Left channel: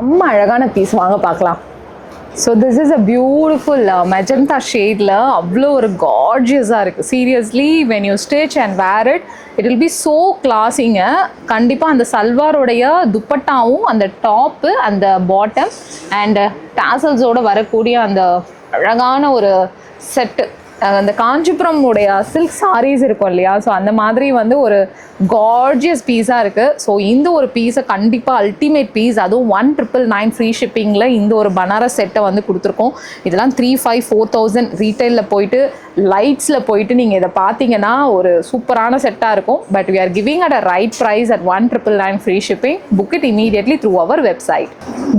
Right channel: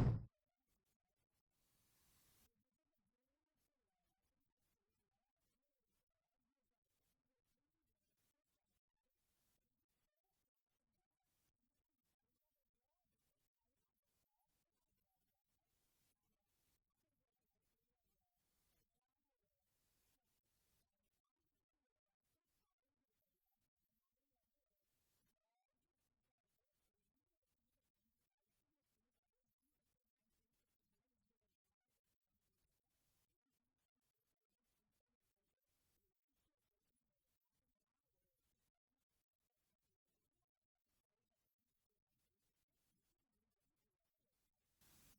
செம்ம அழகான பீஸ், வாங்க பார்க்கலாம். So this is a beautiful magenta ஷேடில் அவ்வளோ ஒரு கார்ஜியஸாக இருக்குது. Seriously when you stitch and wear it, it will be so கிளாஸிங்க. கண்டிப்பாக அந்த சல்வாரோடைய துப்பட்டாவும் அந்த டாப்பு அந்த பாட்டம் அண்ட் டாசல்ஸோடு வரக்கூடிய அந்த அழகான ஒரு செட்டு, அந்த காஞ்சிபுரம் உடைய சில்க் சாரீஸ் இருக்கும் இல்லையா, ஸோ அந்த மாதிரி வந்து ஒரு கார்ஜியஸ் பீஸாக இருக்குது. ஸோ இந்த ஒரு பீஸை கண்டிப்பாக அல்டிமேட் பீஸ், அதுவும் 1999 ஃப்ரீ ஷிப்பிங்கில் இந்த ஒரு பனாரஸ் செட்டை வந்து கொடுத்துருக்கோம். இதெல்லாம் 3,500-4,000 ரீட்டைலில் போயிட்டு லைட்ஸில் போயிட்டு நீங்கள் இதை பார்த்தீங்கன்னா ஒரு சூப்பரான செட்டாக இருக்கும். But we are giving at a right price at 1999 free shipping. Book it immediately through our website.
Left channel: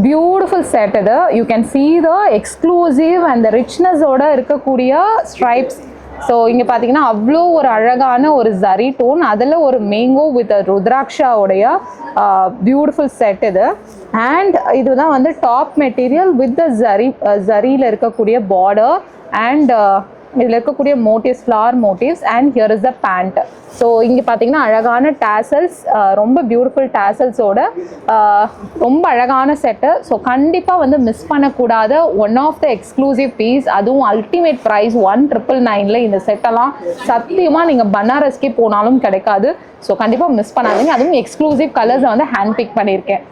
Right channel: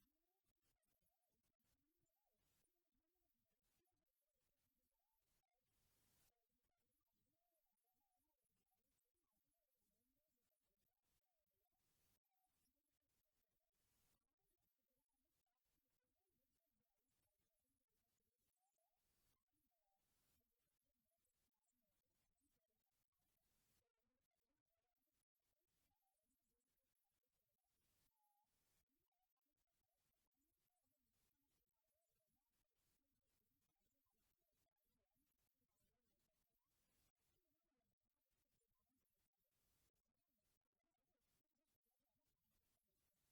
Beautiful set இது. You can see the exclusive and ரிச்னஸோட இருக்கக்கூடிய ஸ்ட்ரைப்ஸ். ஸோ இங்கே பார்த்தீங்கன்னா அவ்வளோ ஒரு அழகான ஒரு ஜரி டோன், அதில் ஒரு மேங்கோ வித் ருத்ராட்சாவுடைய பியூட்டிஃபுல் செட் இது. அண்ட் இதுதான் வந்து டாப் மெட்டீரியல் வித் த ஜரியில் இருக்கக்கூடிய பார்டர் அண்ட் இதில் இருக்கக்கூடிய motifs, flower motifs. And here is the band. So இங்கே பார்த்தீங்கன்னா அழகான டேசல்ஸ், ரொம்ப பியூட்டிஃபுல் டேசல்ஸோட ரொம்ப அழகான செட்டு. ஸோ கண்டிப்பாக வந்து மிஸ் பண்ணக்கூடாத one of the exclusive piece, அதுவும் அல்டிமேட் ப்ரைஸ் 1999 இந்த செட்டெல்லாம் சத்தியமாக நீங்கள் பனாரஸ்க்கே போனாலும் கிடைக்காது. ஸோ கண்டிப்பாக மிஸ் பண்ணாதீங்க. அதுவும் எக்ஸ்க்ளூசிவ் கலர்ஸை வந்து ஹேண்ட் பிக் பண்ணியிருக்கேன்.